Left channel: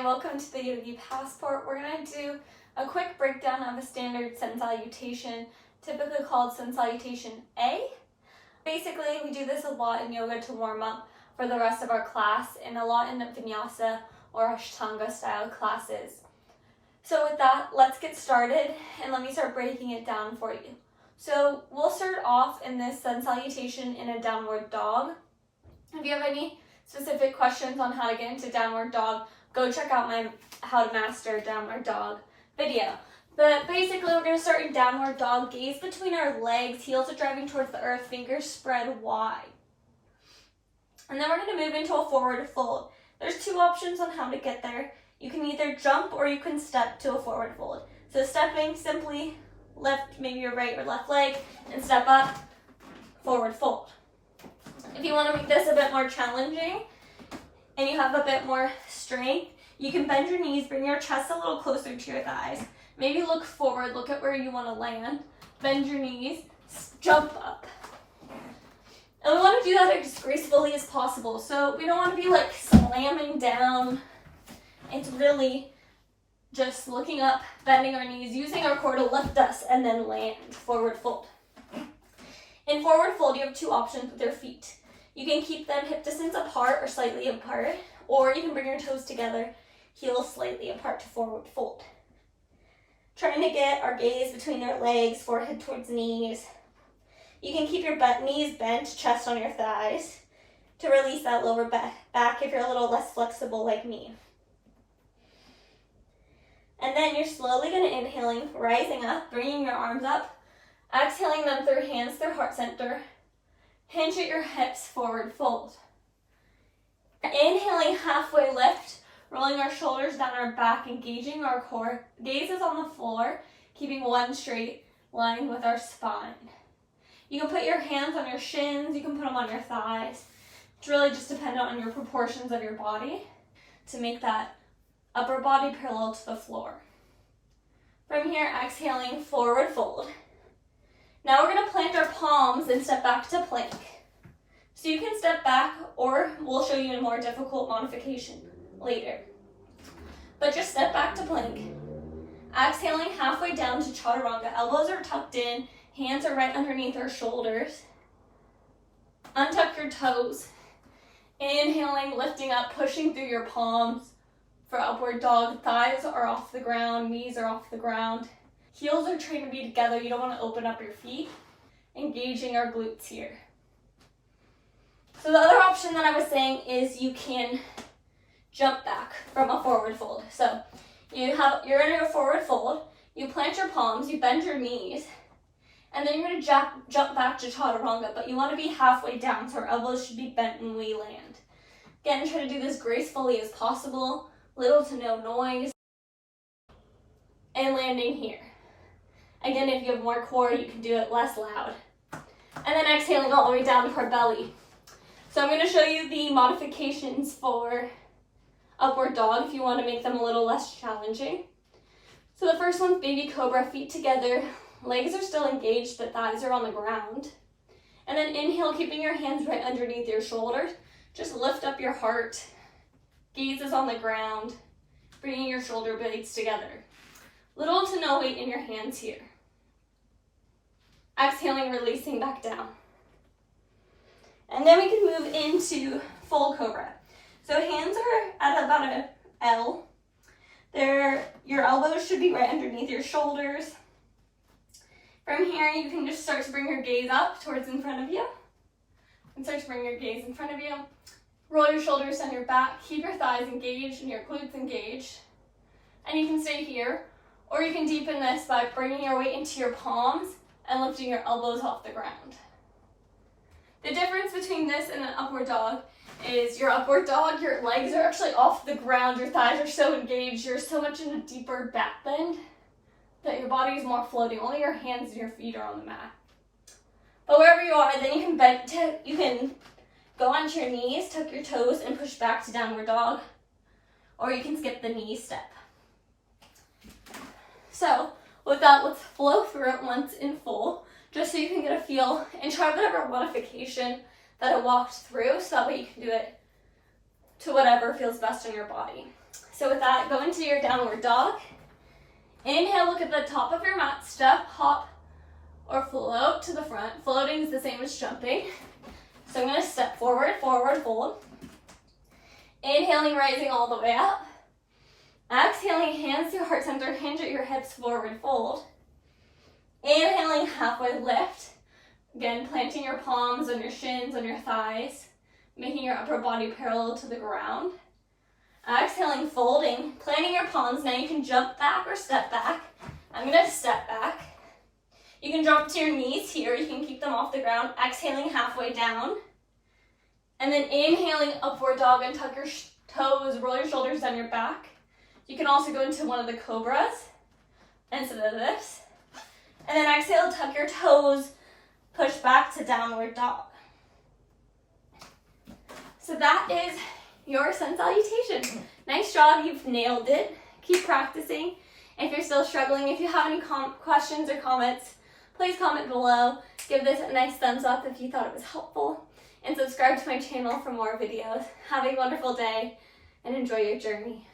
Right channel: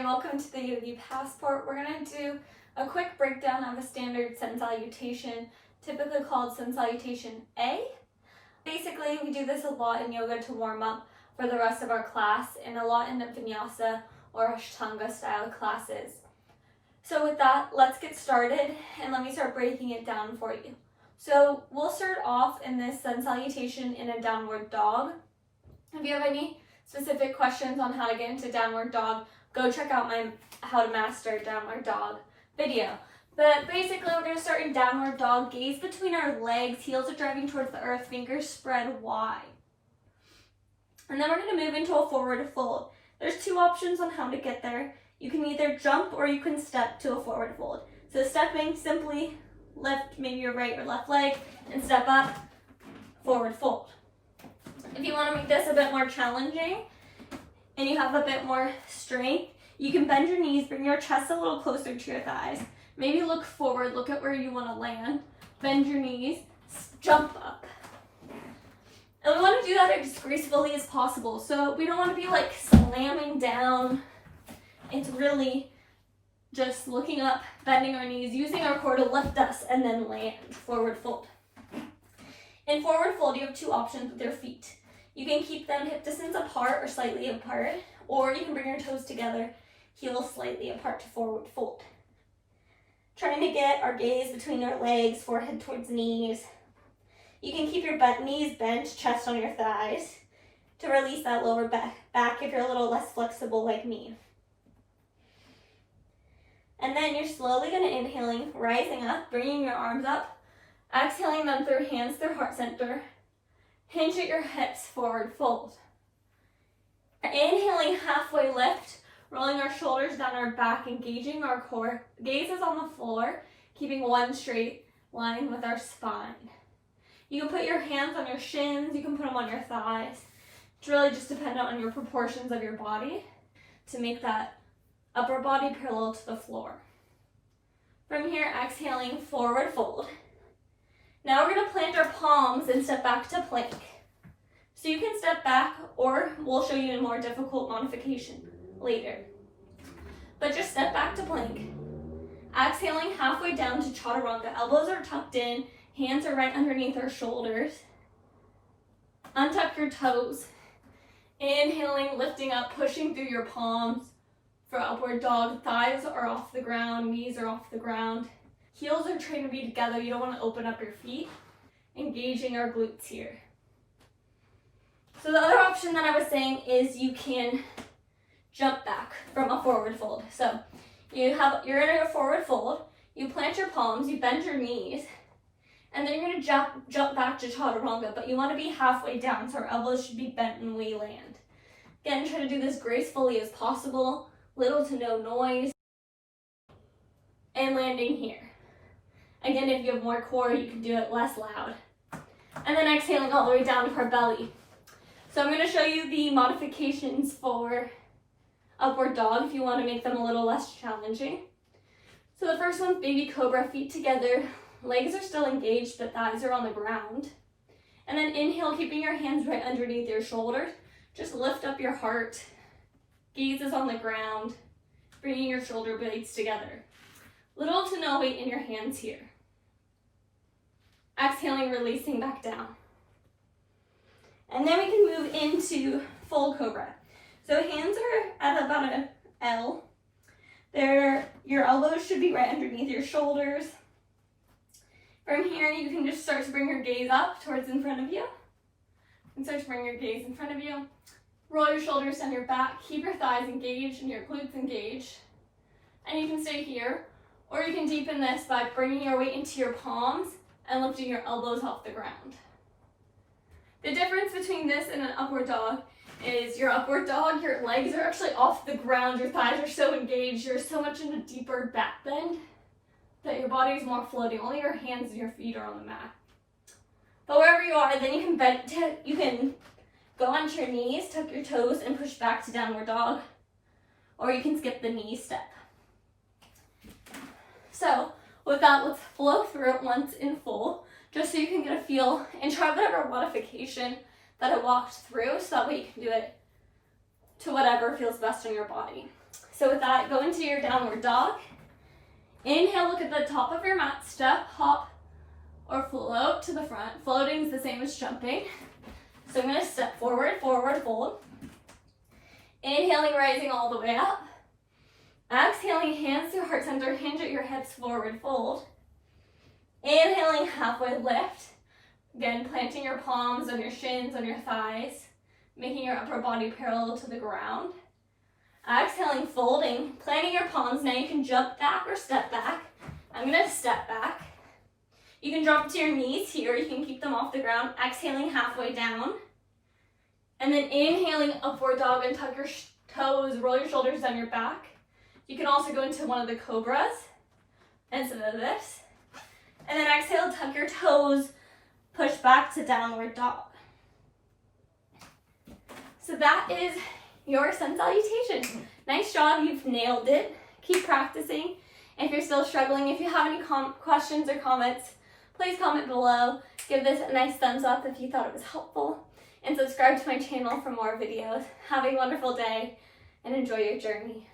and welcome to the Yogi Passport. We're going to do a quick breakdown of a standard Sun Salutation, typically called Sun Salutation A. Basically, we do this a lot in yoga to warm up for the rest of our class and a lot in the vinyasa or Chaturanga style classes. So with that, let's get started and let me start breaking it down for you. So we'll start off in this Sun Salutation in a downward dog. If you have any specific questions on how to get into downward dog, go check out my How to Master Downward Dog video. But basically, we're going to start in downward dog, gaze between our legs, heels are driving towards the earth, fingers spread wide. And then we're going to move into a forward fold. There's two options on how to get there. You can either jump or you can step to a forward fold. So stepping, simply lift maybe your right or left leg and step up, forward fold. If you want to make this a bit more challenging and you have a bit more strength, you can bend your knees, bring your chest a little closer to your thighs. Maybe look forward, look at where you want to land, bend your knees, jump up. And we want to do that as gracefully as possible. So we don't want to be like slamming down. It's really just looking up, bending our knees, using our core to lift us and then land, forward fold. In forward fold, you have two options with your feet. You can keep them hip distance apart or slightly apart, or you can bring your toes together, heels slightly apart to forward fold. Trying to get our gaze between our legs, forehead towards knees. You can keep your knees bent, chest on your thighs, to release that lower back if you're a little less flexible like me. And then you're slowly going to inhaling, rising up, bringing your arms up, exhaling them through hands through heart center. Hinge at your hips, forward fold. Inhaling, halfway lift, rolling our shoulders down our back, engaging our core. Gaze is on the floor, keeping one straight line with our spine. You can put your hands on your shins, you can put them on your thighs. It's really just dependent on your proportions of your body to make that upper body parallel to the floor. From here, exhaling, forward fold. Now we're going to plant our palms and step back to plank. So you can step back, or we'll show you a more difficult modification later. But just step back to plank. Exhaling, halfway down to Chaturanga. Elbows are tucked in, hands are right underneath our shoulders. Untuck your toes. Inhaling, lifting up, pushing through your palms. For upward dog, thighs are off the ground, knees are off the ground. Heels are trying to be together. You don't want to open up your feet. Engaging our glutes here. So the other option that I was saying is you can jump back from a forward fold. So you're in a forward fold. You plant your palms, you bend your knees, and then you're going to jump back to Chaturanga, but you want to be halfway down, so our elbows should be bent when we land. Again, try to do this gracefully as possible, little to no noise, and landing here. Again, if you have more core, you can do it less loud. And then exhaling all the way down to our belly. So I'm going to show you the modifications for upward dog if you want to make them a little less challenging. So the first one's baby cobra, feet together. Legs are still engaged, but thighs are on the ground. And then inhale, keeping your hands right underneath your shoulders. Just lift up your heart. Gaze is on the ground. Bringing your shoulder blades together. Little to no weight in your hands here. Exhaling, releasing back down. And then we can move into full cobra. So hands are at about an L. Your elbows should be right underneath your shoulders. From here, you can just start to bring your gaze up towards in front of you. And start to bring your gaze in front of you. Roll your shoulders down your back. Keep your thighs engaged and your glutes engaged. And you can stay here. Or you can deepen this by bringing your weight into your palms and lifting your elbows off the ground. The difference between this and an upward dog is your upward dog, your legs are actually off the ground, your thighs are so engaged, you're so much in a deeper back bend that your body is more floating. Only your hands and your feet are on the mat. But wherever you are, then you can go onto your knees, tuck your toes, and push back to downward dog. Or you can skip the knee step. So with that, let's flow through it once in full, just so you can get a feel and try whatever modification that I walked through, so that way you can do it to whatever feels best in your body. So with that, go into your downward dog. Inhale, look at the top of your mat, step, hop, or float to the front. Floating is the same as jumping. So I'm gonna step forward, forward fold. Inhaling, rising all the way up. Exhaling, hands to heart center, hinge at your hips, forward fold. Inhaling, halfway lift. Again, planting your palms on your shins, on your thighs, making your upper body parallel to the ground. Exhaling, folding, planting your palms. Now you can jump back or step back. I'm gonna step back. You can drop to your knees here. You can keep them off the ground. Exhaling, halfway down. And then inhaling, upward dog, and tuck your toes, roll your shoulders down your back. You can also go into one of the cobras instead of this. And then exhale, tuck your toes, push back to downward dog. So that is your sun salutation. Nice job, you've nailed it. Keep practicing. If you're still struggling, if you have any questions or comments, please comment below. Give this a nice thumbs up if you thought it was helpful. And subscribe to my channel for more videos. Have a wonderful day and enjoy your journey.